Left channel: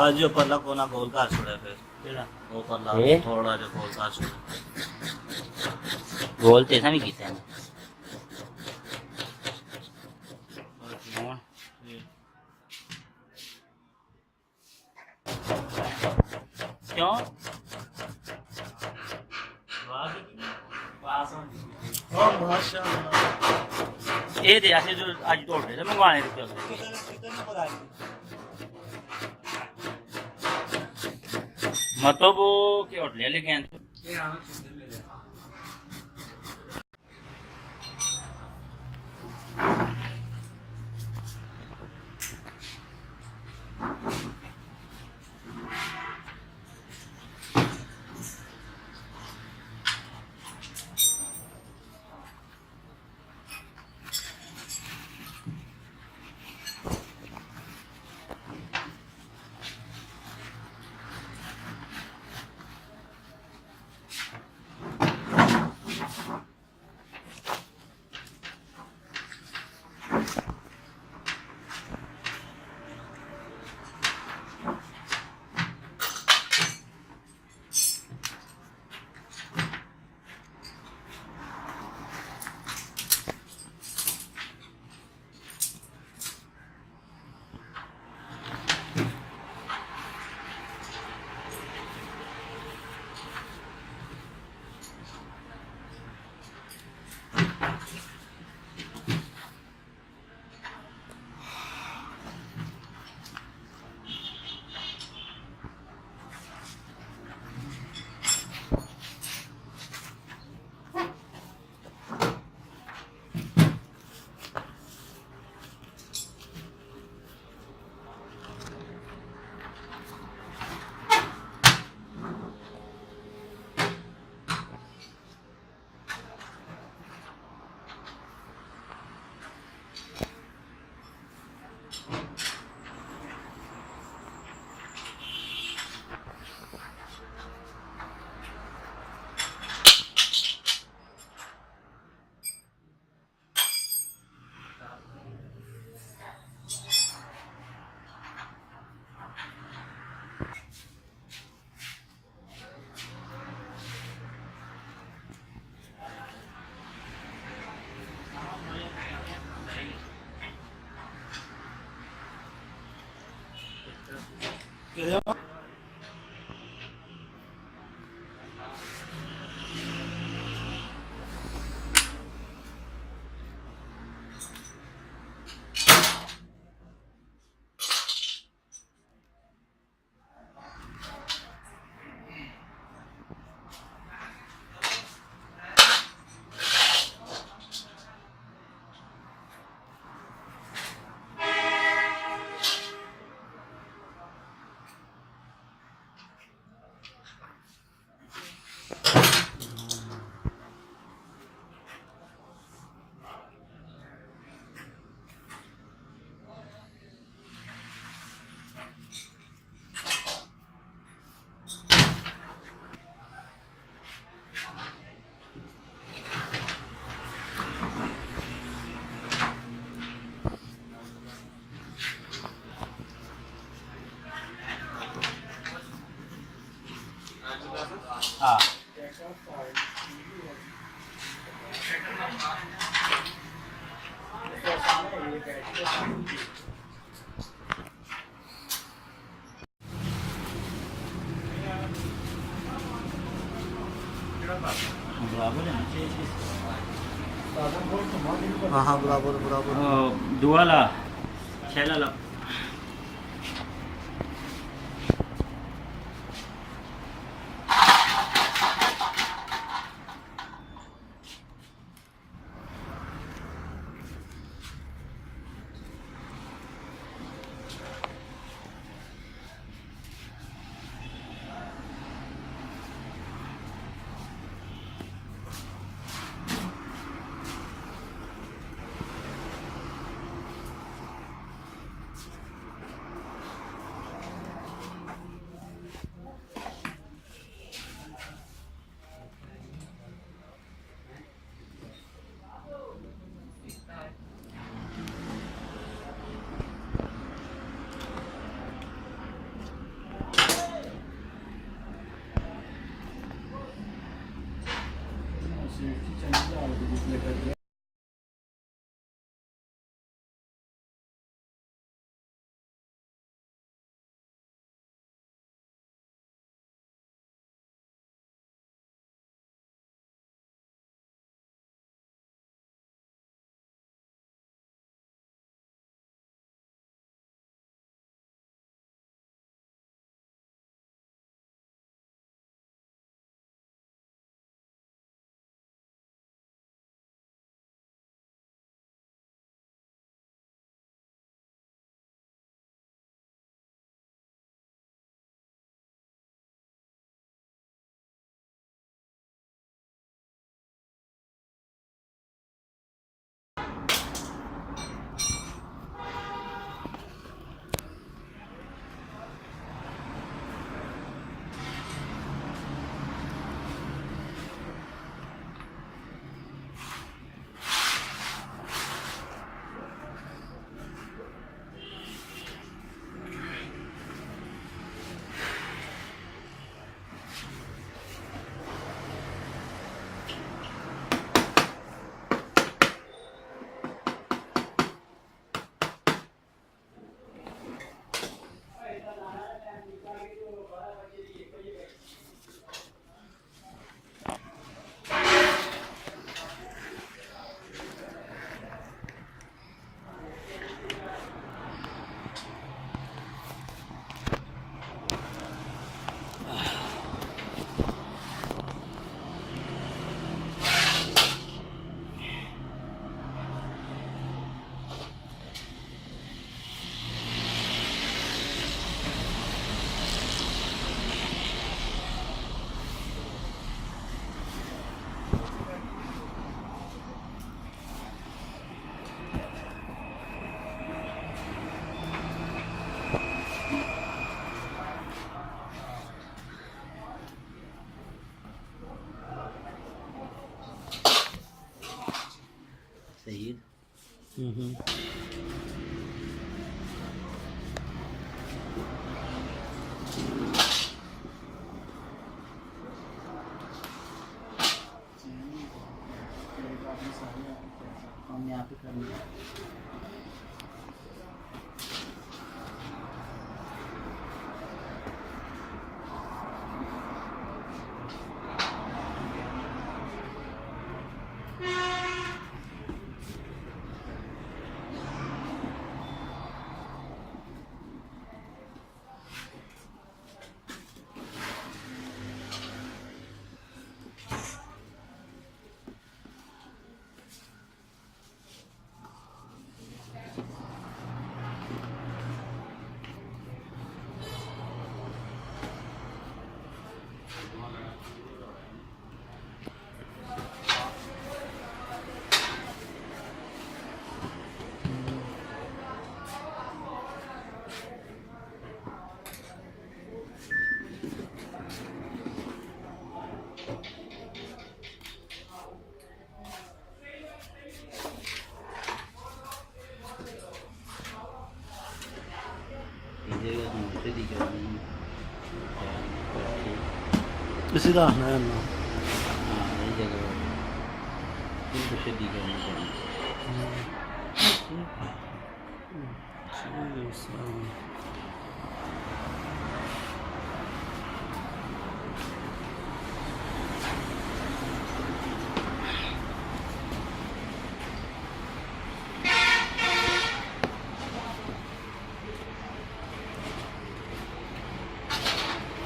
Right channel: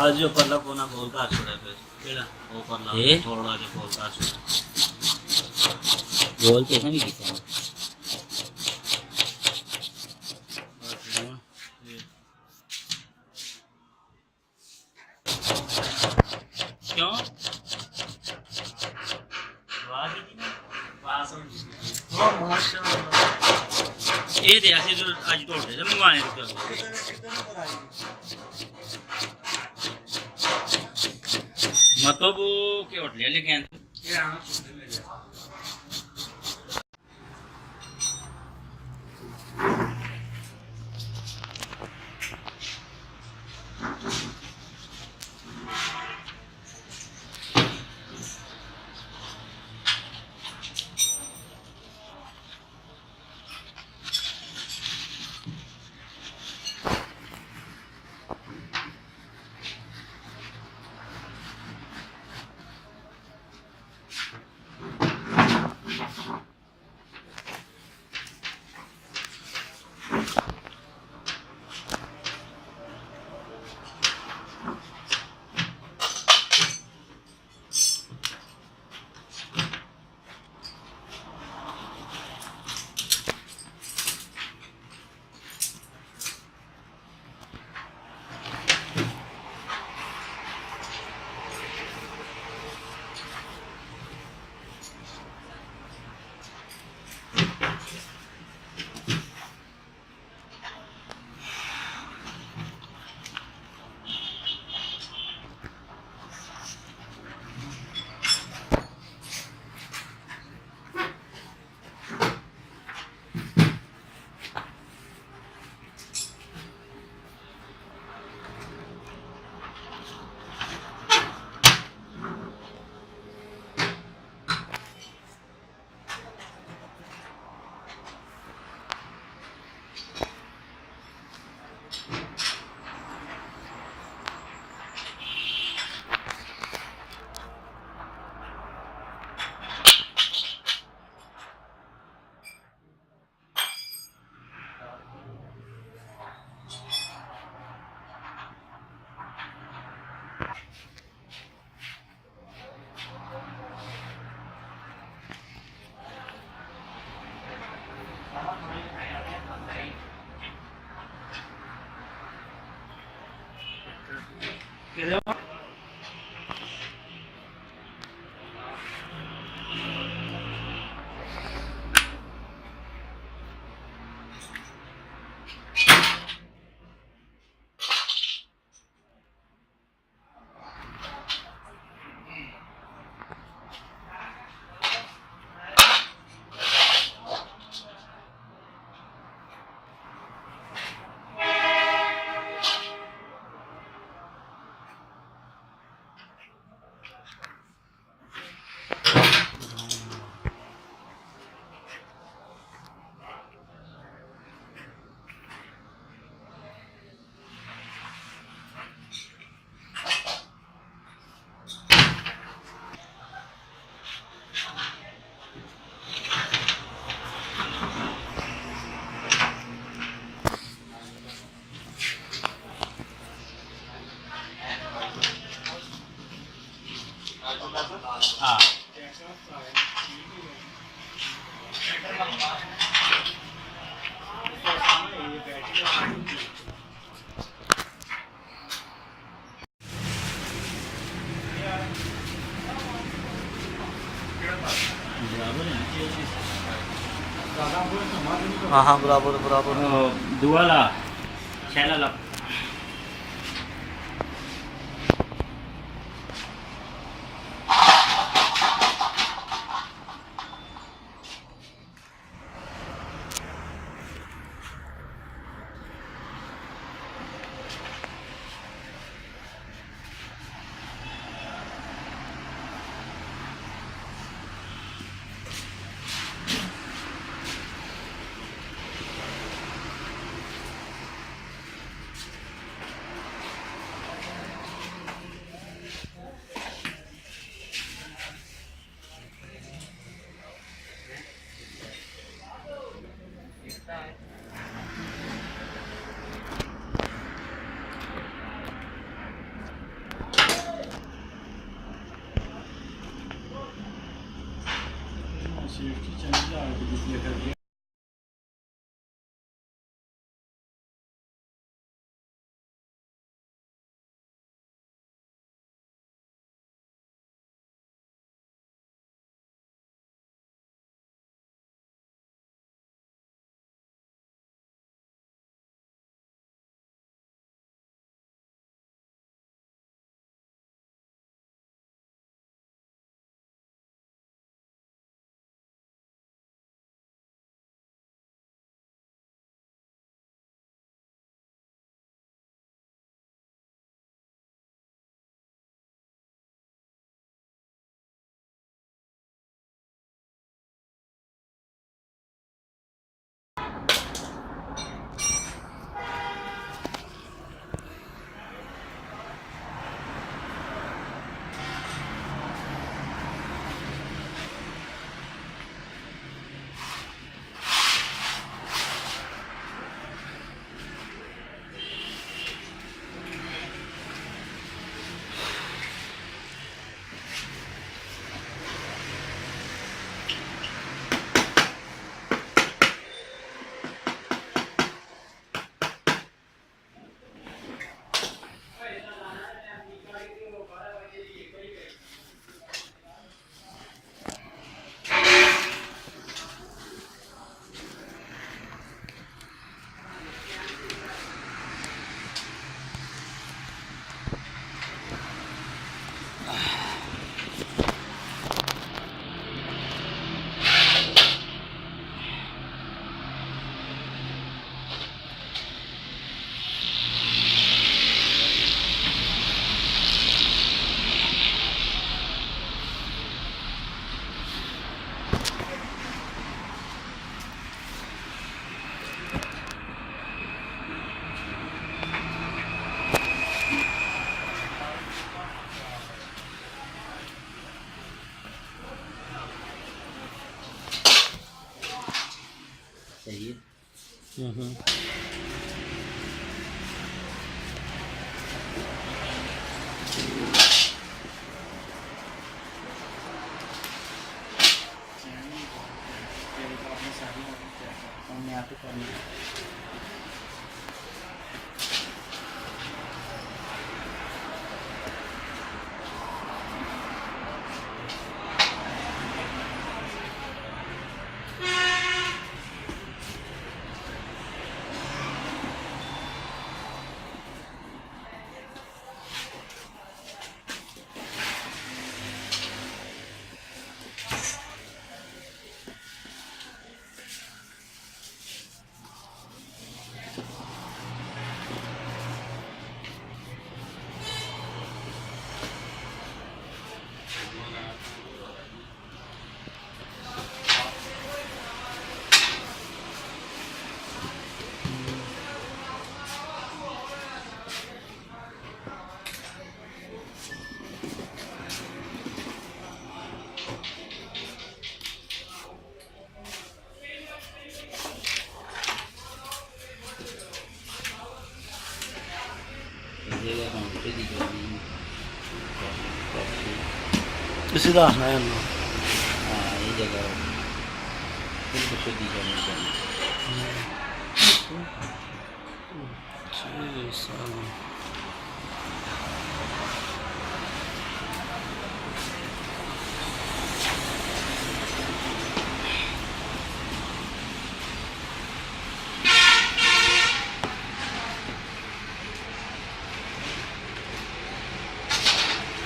आज जो परला कोना गोल का छोड़े फिर ਕਿਹੜਾ वो परला ये? थोड़ा जो गोल का छोड़े ਗੋਲ ਤੇ ਨਾ ਵੀ ਕੀਤਾ ਹੈ। ये ਕਿਉਂ हाँ माशाल्लाह ਇਹ ਦੇ ਅਸੀਂ ਜੋ ਅੱਜ ਢੋਲਦੇ ਤੇ ਮੰਗਵਾਣੇ ਰੁਪਏ मतलब वो क्या होटल है लेकिन हाँ बराबर है हाँ हाँ बराबर बराबर दुआ ला छैला ला सेफ्टी चाहिए आगे डिस्प्ले कर दिया सही है हमने आप ही करनी है इसी का हसना है ना हाँ ये जगह फिर बच्चे दी जाएगी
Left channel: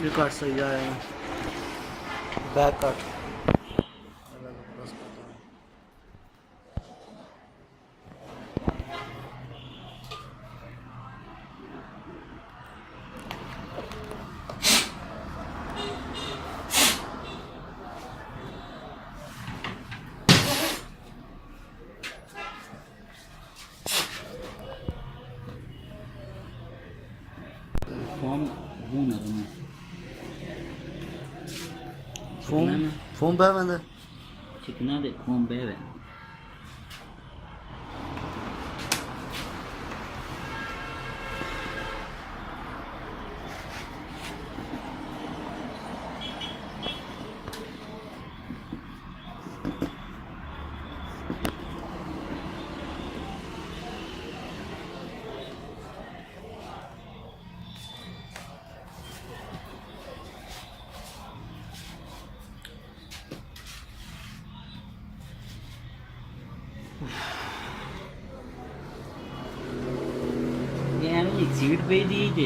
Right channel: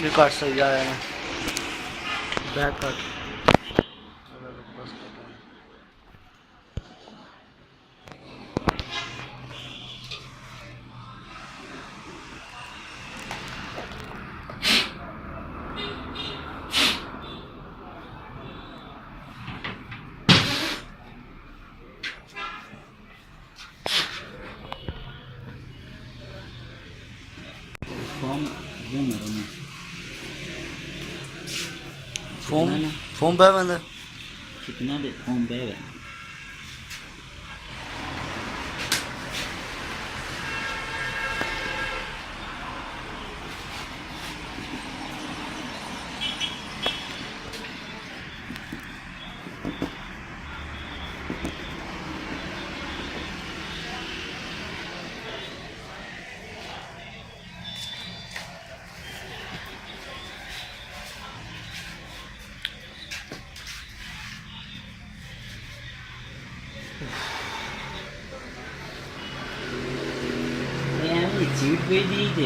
ये काट सही आया है बैक कट बस कट है फॉर्म वो नरम है फोम फोम पे बंद कितना दे फॉर्म पे है ਇਹ ਐਵੇਂ ਇੱਕ ਸੀਟ ਪਈ ਦੀ ਤੇ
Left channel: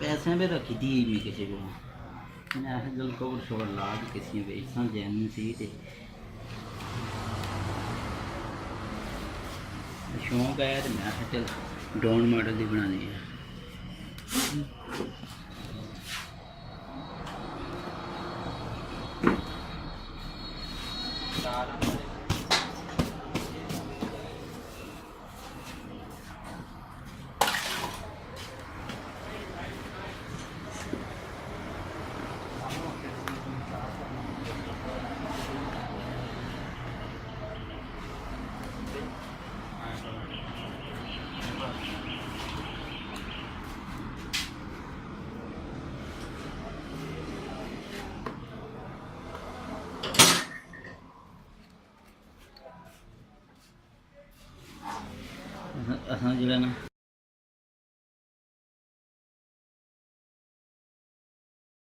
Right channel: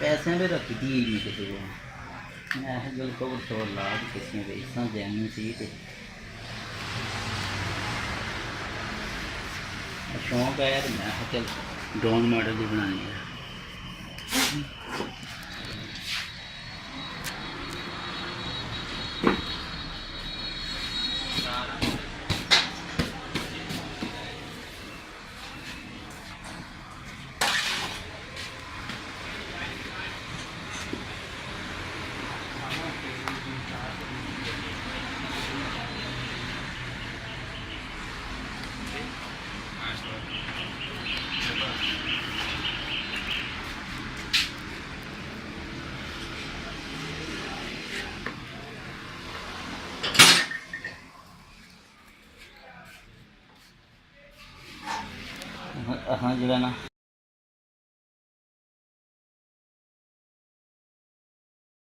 ਪੈਸਿਆਂ ਦੇ ਰੱਖੀ ਦੀ ਨਹੀਂ ਕਿਸੇ ਕੋਲ ਮੈਂ ਇਹ ਗੱਲ ਕੋਲ ਤੋਂ ਲਾ ਕੇ ਕਿਸੇ ਵੇ ਸਾਂ ਜਾਣੀ ਸੀ ਤੇ ਸ਼ੌਂਕ ਆਇਆ ਤੇ ਮੈਂ ਕਿਹਾ ਚੱਲ ਡਰੋਨ ਮਾਡਲ ਦੀ ਬਣਾਉਣੀ ਹੈ असां जो है ना